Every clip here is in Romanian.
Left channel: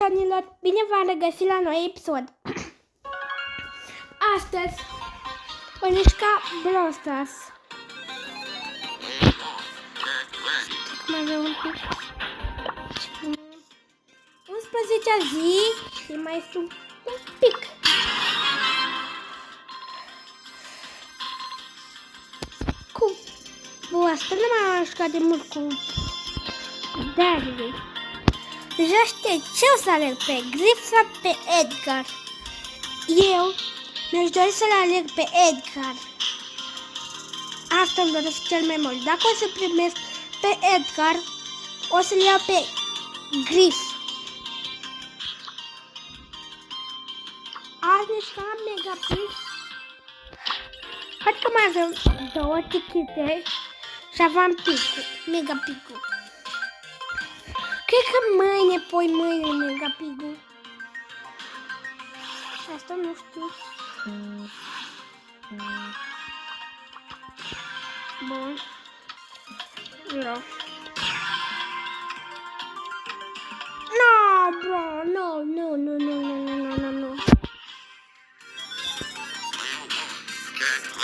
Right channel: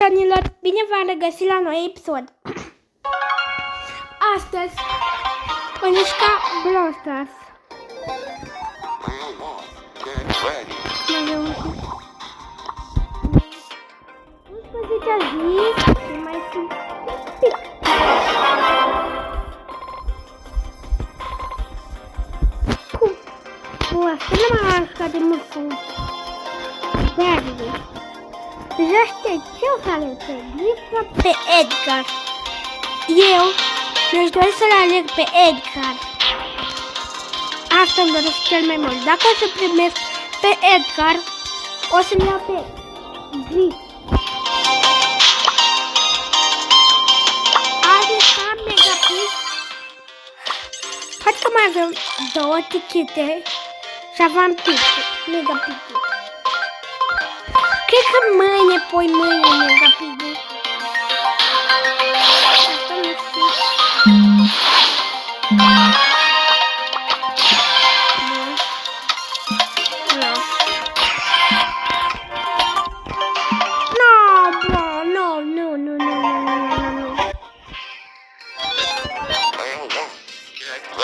Prietenilor, bine v-am regăsit la noi episod. Astăzi voi juca Brawl Stars. Mai avem un pic. 11-a zi și mai sunt un pic. Cum? Bă, asta nu m-am jucat de mult cu Daryl. Deja știi ce o să aleg, pe Grif sau pe Edgar. Eu mi-aș dori să-l aleg pe Edgar. Asta îmi doresc cel mai mult. Dacă o să primesc pe Edgar, o să-l iau pe Grif. Azi ca Megapix. Cred că mai avem 2 tichete și aveam Megapix. Cred că mâine, poi mâine, Megapix. Asta nu știu. Bun. Nu. No, bro, nu.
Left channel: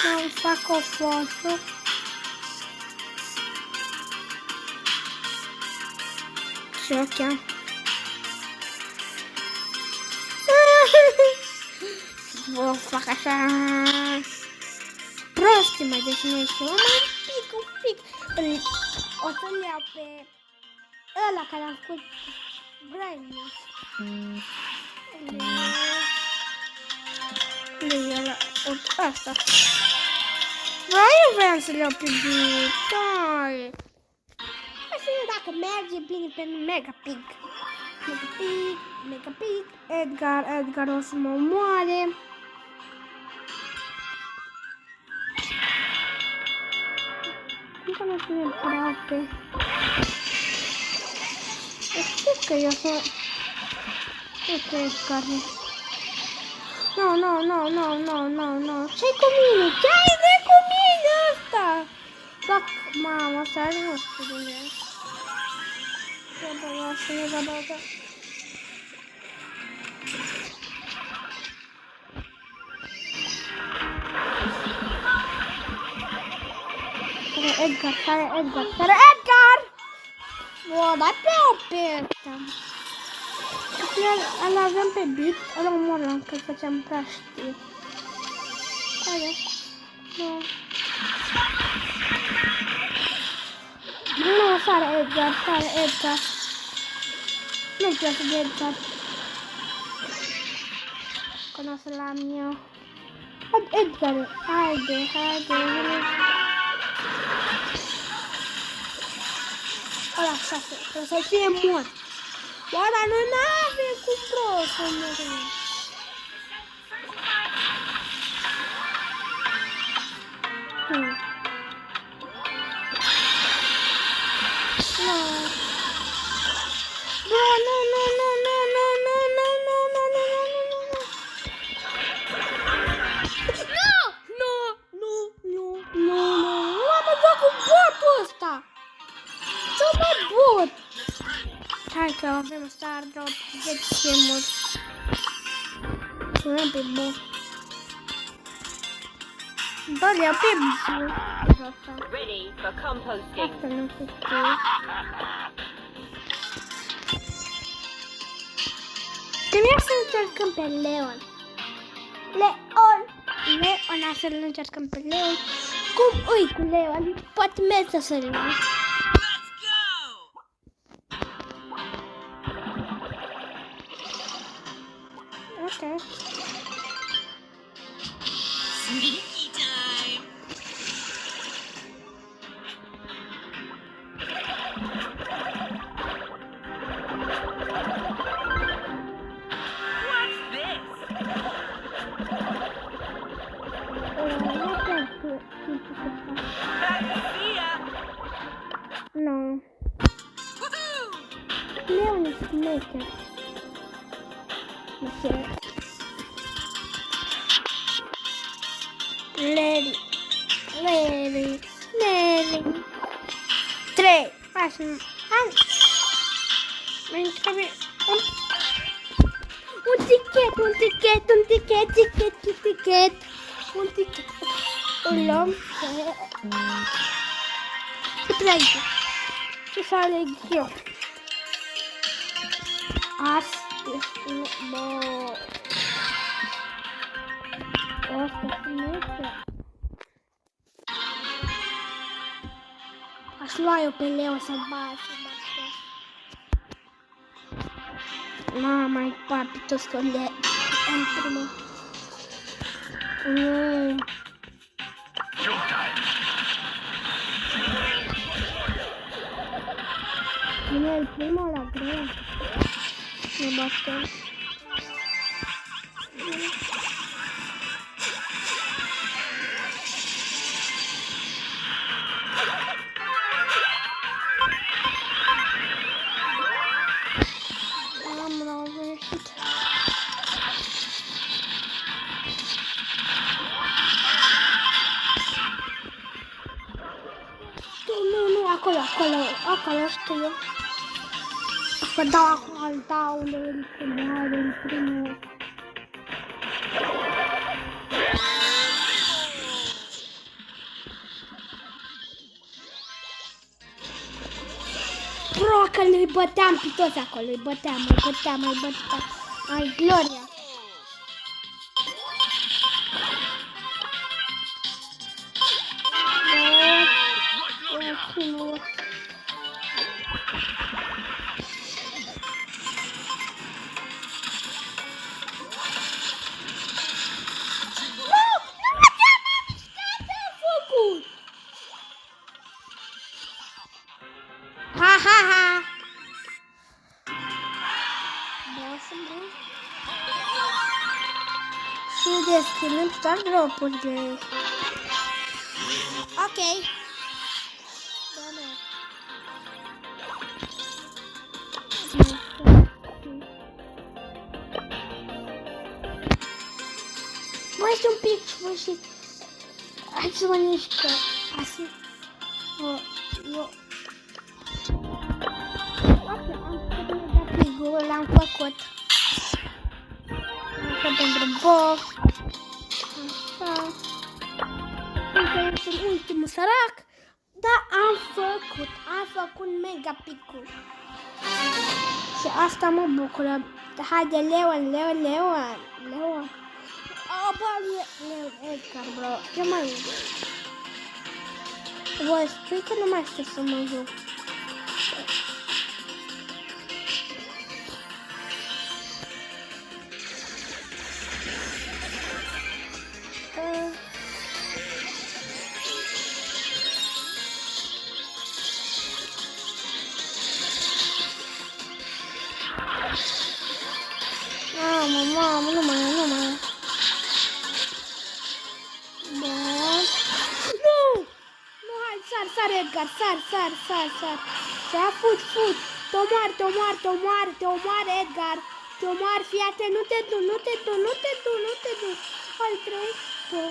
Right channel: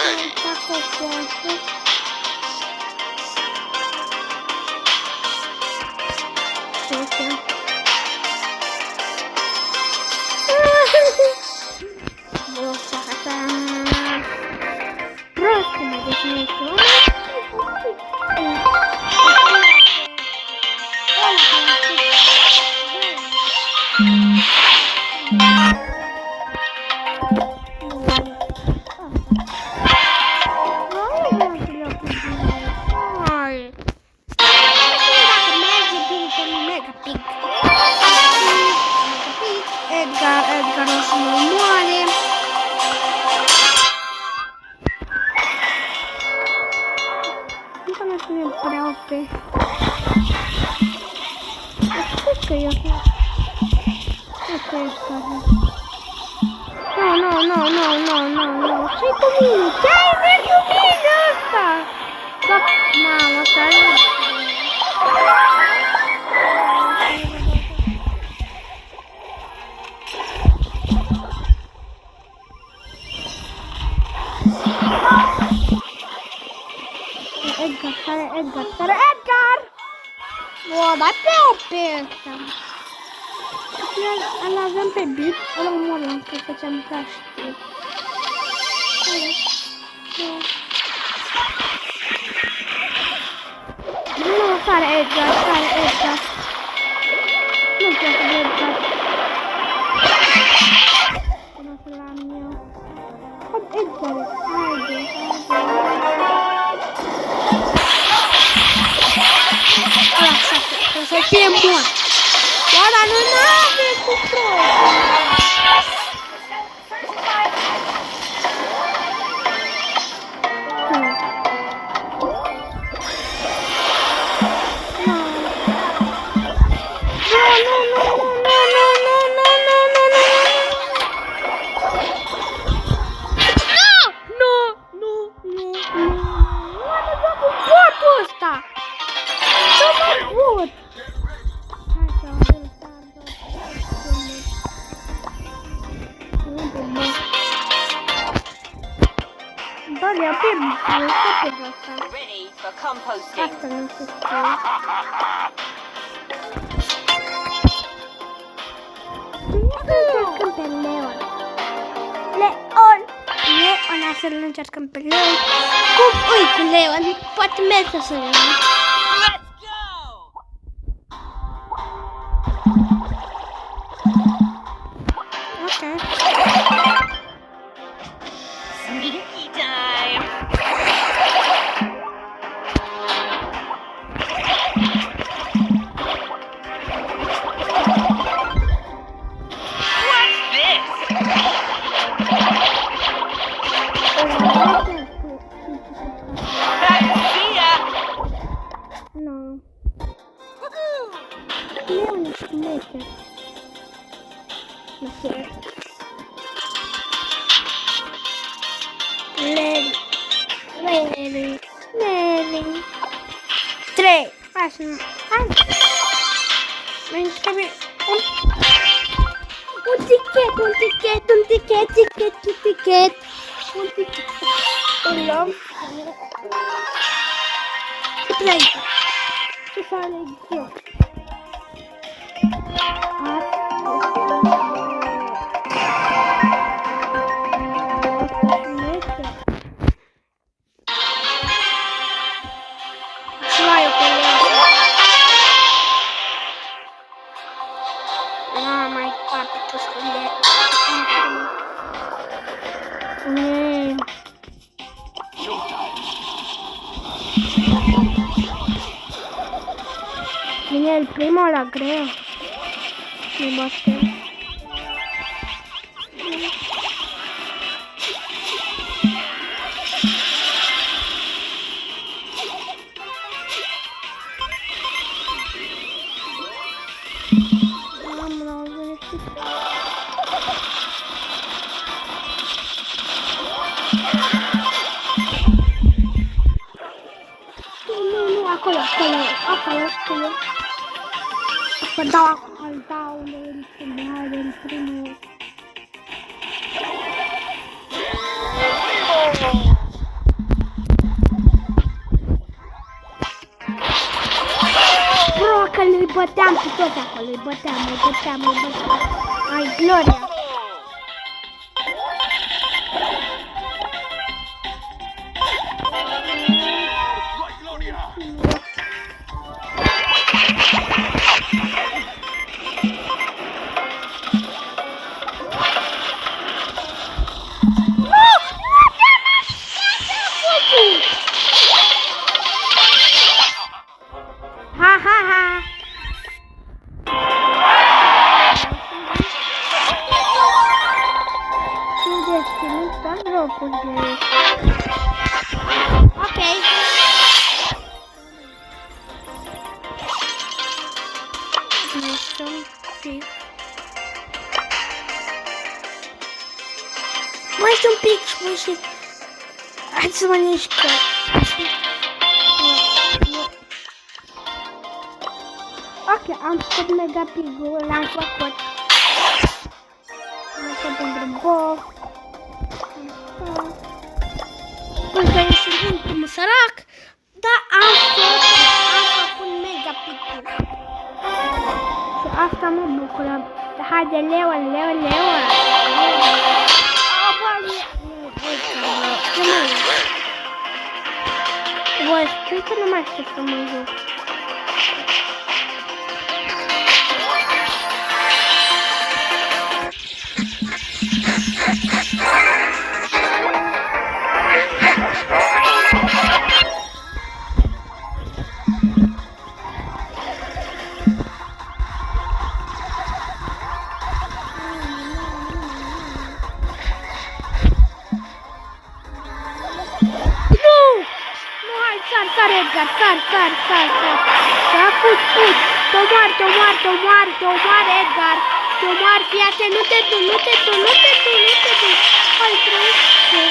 Să fac o foață. Știu. Vă fac așa prost, mă definesc un pic. Ăla care a spus asta. Eu vreau să-l iau pe bine. Dacă merge bine pe Megapix. Edgar o să mă moare. Încă nu sunt prea pe. Cred că eu să... Cred că Edgar. Nu. Ce-i cu mine? Ce-ai cu mine ăsta? Doc, mamă, asta nu știu. Edgar! Bă, dai pe ăsta. Îl avem pe bit, îl omorlam, că făceam prea știu. Nu, sare Edgar. Nu-mi place de Edgar. Că n-o să-l am eu. Edgar, haide. Așa, să fie mort. Bă, dar nu n-avem cu prostul. Hai că avem star drop ce mult. Avem pe bă. Doar ia pe bă, asta nu se știe. Trebuie să încercăm pe Leon. Leon, să-l încercăm pe Leon. Cum ui cu Leon? Poate merge să-l iau. Okay. Sneaky time. What's this? No. Leon is maker. Larry. 3. Mai trebuie un un tichet. Îl luăm. Ce să aleg eu? Luai-o pe leasă. Mai departe tot scunde. Vine el primul la greu. Ne batem. Acolo știu. Să dau al daule, să moare în primul. Bro, că îi băteam pe toți acolo, îi băteam. Ai, Gloria. Ha. Și deschidem toate dropurile. Ok. Mai este un pic și... Hai să mă mișcă. Ok, am făcut mega pigul, l-am făcut. Asta pentru box. Asta. Încă este ultimul sărac. Dar am făcut mega pigul. Și asta mă bucură. Haide, Leo. Voi spui că nu mai știu să mă joc. Mamă, nu mai. Sar, Edgar, sar. Fut. Te-omar, Edgar. Te-omar, fii atent, nu te du. Hai, trăiește.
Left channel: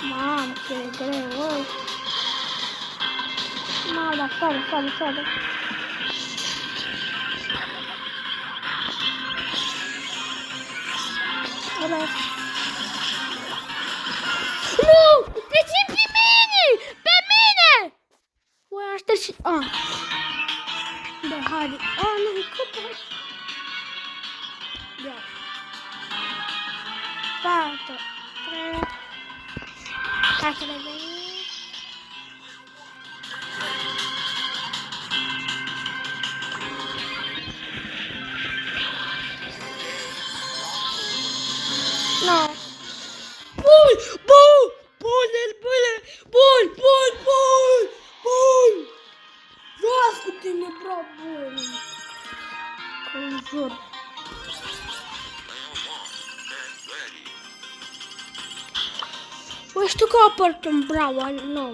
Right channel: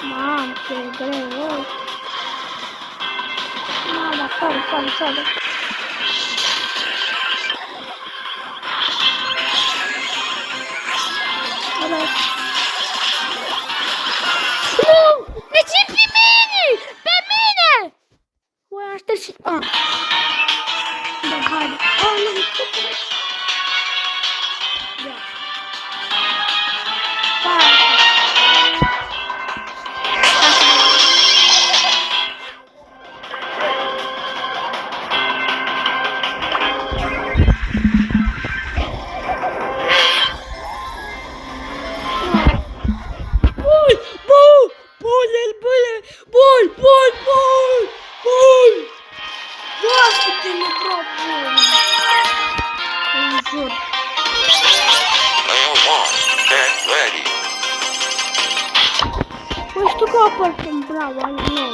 Mamă, ce greu, Mama, sorry. Nu! De ce pe mine? Pe mine! Voi aștept și... Da, haide. Nu, cât e? Da. Păi știu că apărt un bravo, nu.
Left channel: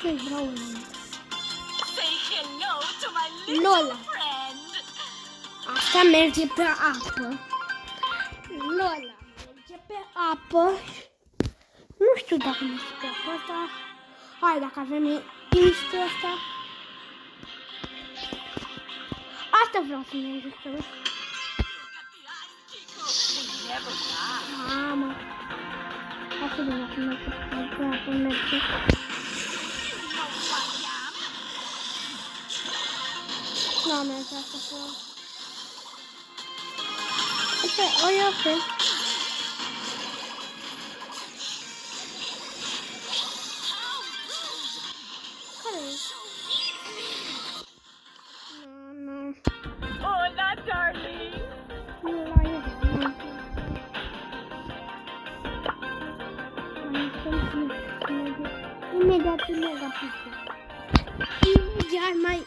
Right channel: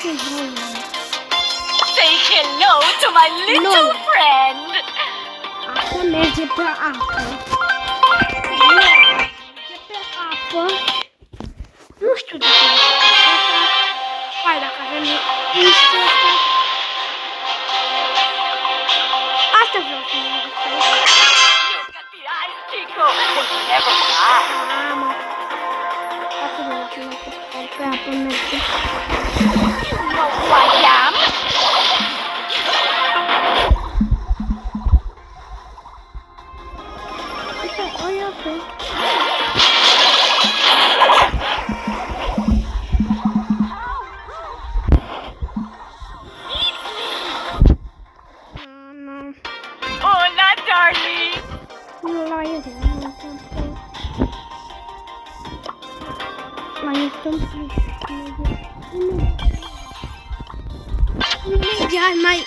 Ce vreau eu? Say hello to my little Lola. friend. Asta merge pe apă. Merge pe apă. Nu știu dacă merge pe apă asta. Hai, dacă avem niște asta. Asta vreau să merge pe aici. Look at the eyes, Chico. They never lie. Mamă. Asta vreau să merge pe apă merge. You know who I am. Nu am mers așa. Uite, o iau pe. Nu. Hola, darling. Nu la el, nu mai stăm imediat mai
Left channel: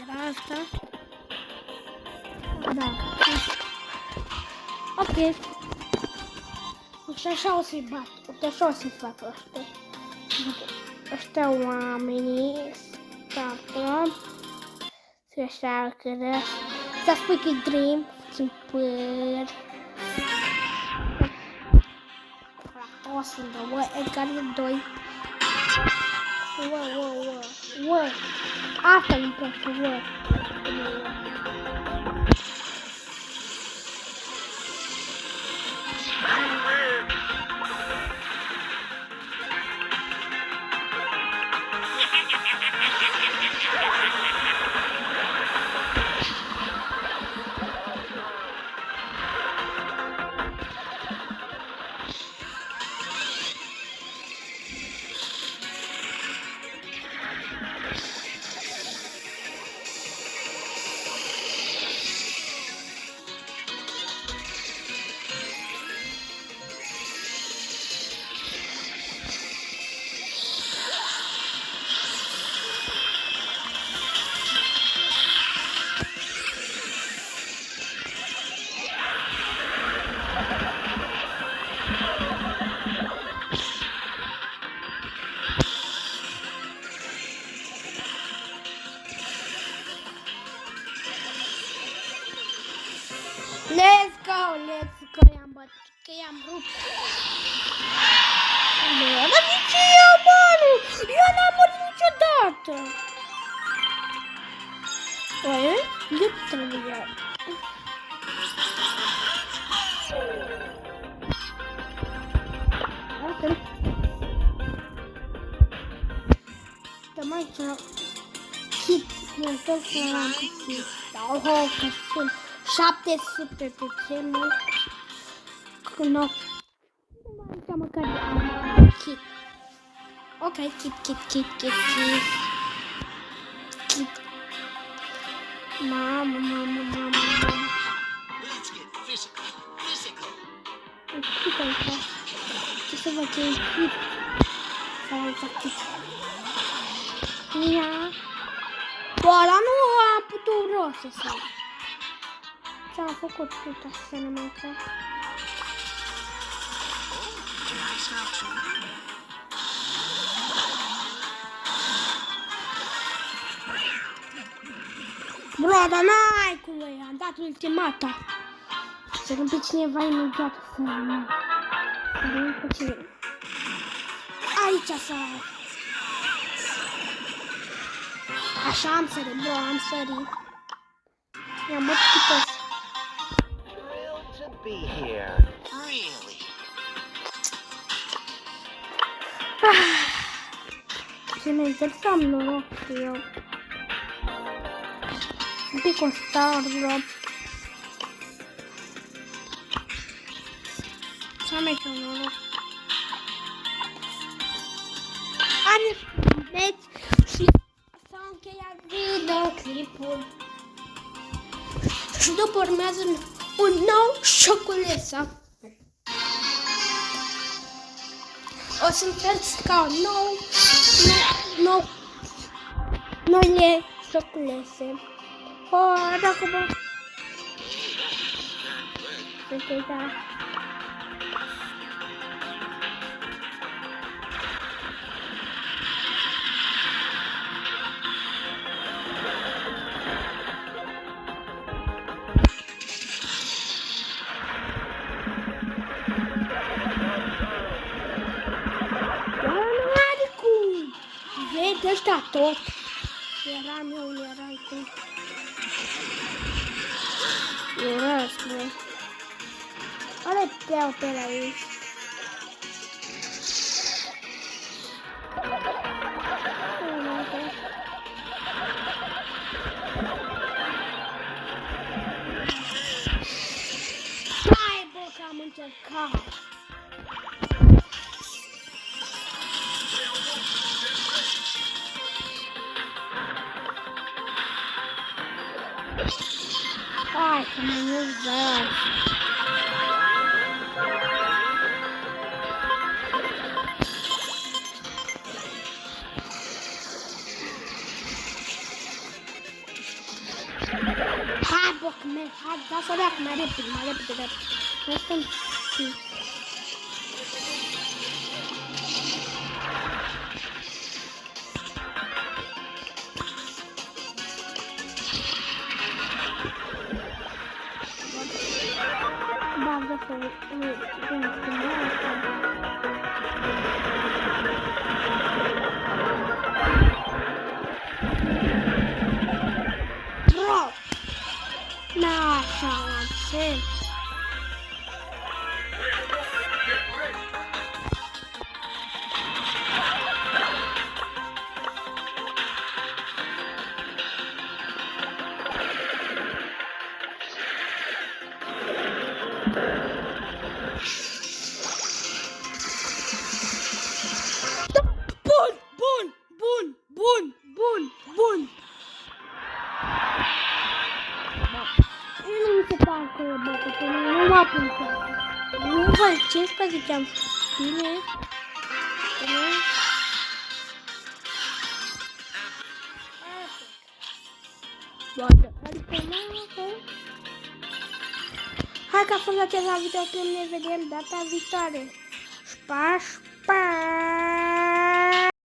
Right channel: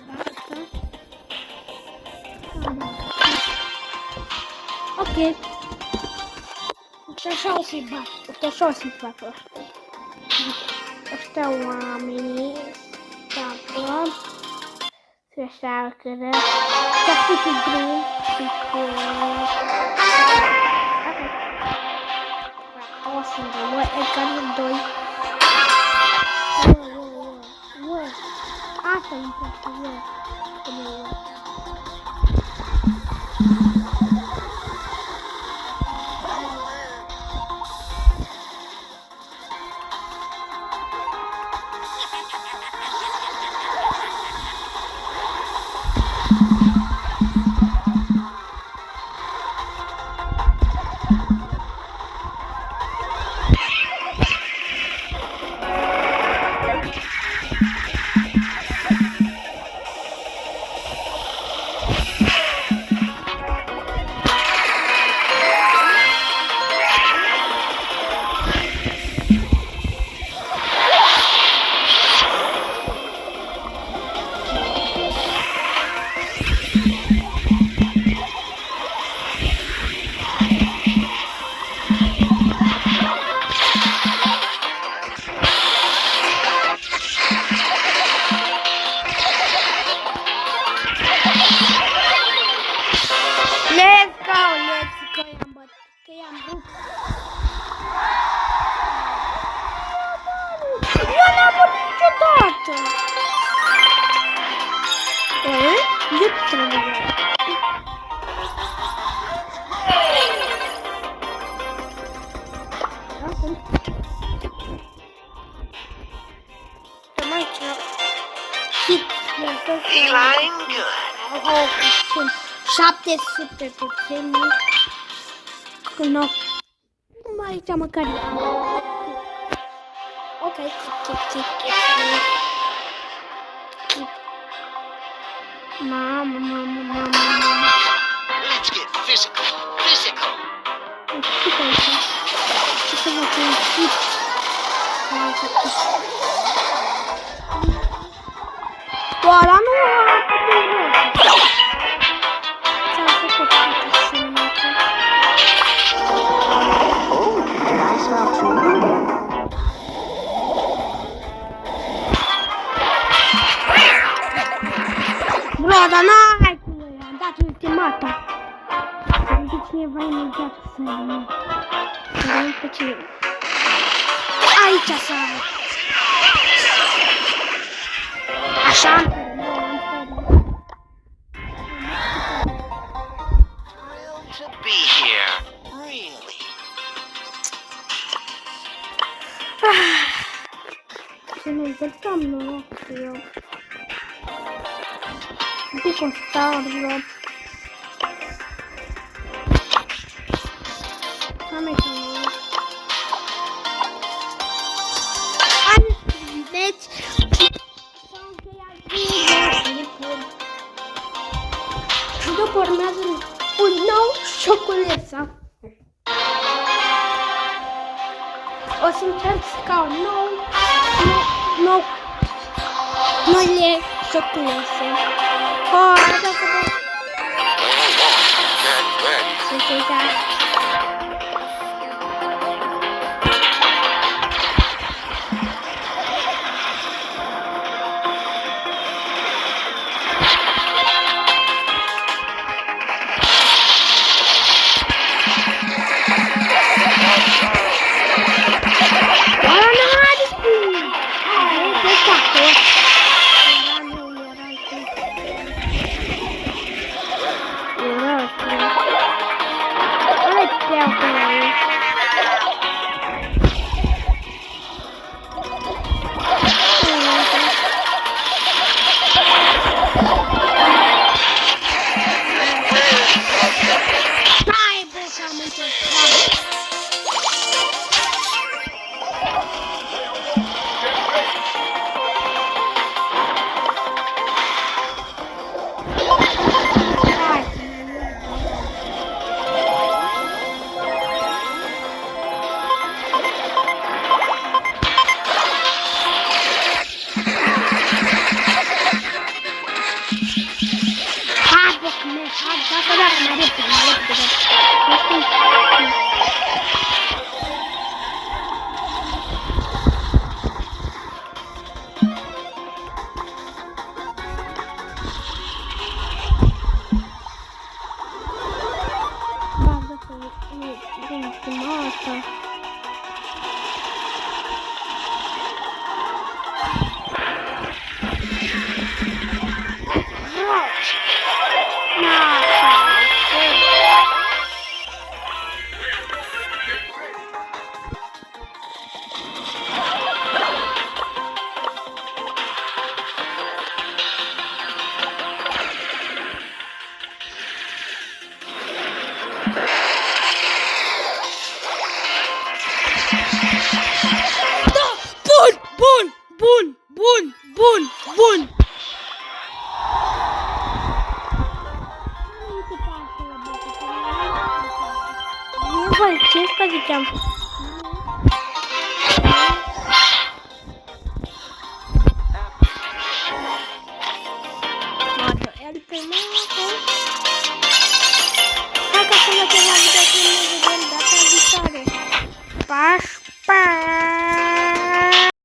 era asta. Da. Ok. Uite așa o să-i bat. Uite așa o să-i fac ăștia. Ăștia oamenii stapă. Se așearcă. Pacific Dream și pe... O să dăm, Edgar 2. Wow. Asta nu-mi place, wow. Let's go, i-am rupt. Dar de ce eu, bani? Eu n-am murit niciodată. Oare? De ce trebuie? Ok. Stăm aici. Feline good. Sunt 700 puțini. Nu. Numai aici măcar am chip. Ok, chip. Mamă. Let's get physical. Chip aici. Ce să văd un chip. Ia. Ăla nu a putut rost. Ți-am făcut toate semnate. Bro, dar n-ai cum e, am dat ultimata. Să vedem pe cineva imediat să rămân. Să vedem pe cineva. Aici sare. Așa am sărit, bro, am sărit. Am mătită. To be here. Really. Ce mi-ai să am noroc eu. Un pic o star, bro. Să am aici noroc. Deci, s-a încheiat videoclipul. Și după urmează un nou șoculeță. O să încerc ca un noile șoculețe. Arată că bă. Sunt uitat. tot. Eram eu, erai tu. Urăsc, nu? Care-i peau pe la ei? Hai, bă, că am încercat. Hai, că mă nu vreau. Hai, bă, că merg, hai, da să dea, că mai repede, Nu știu. Da, de fapt, ultima asta. Bun! Nu mi se pare că e bătă, că nu m-a punctat. Nu vă 15 am făcut. Bine. Moto, el pe moto. Hai ca să vă la video, să ne vedem data viitoare. Pa!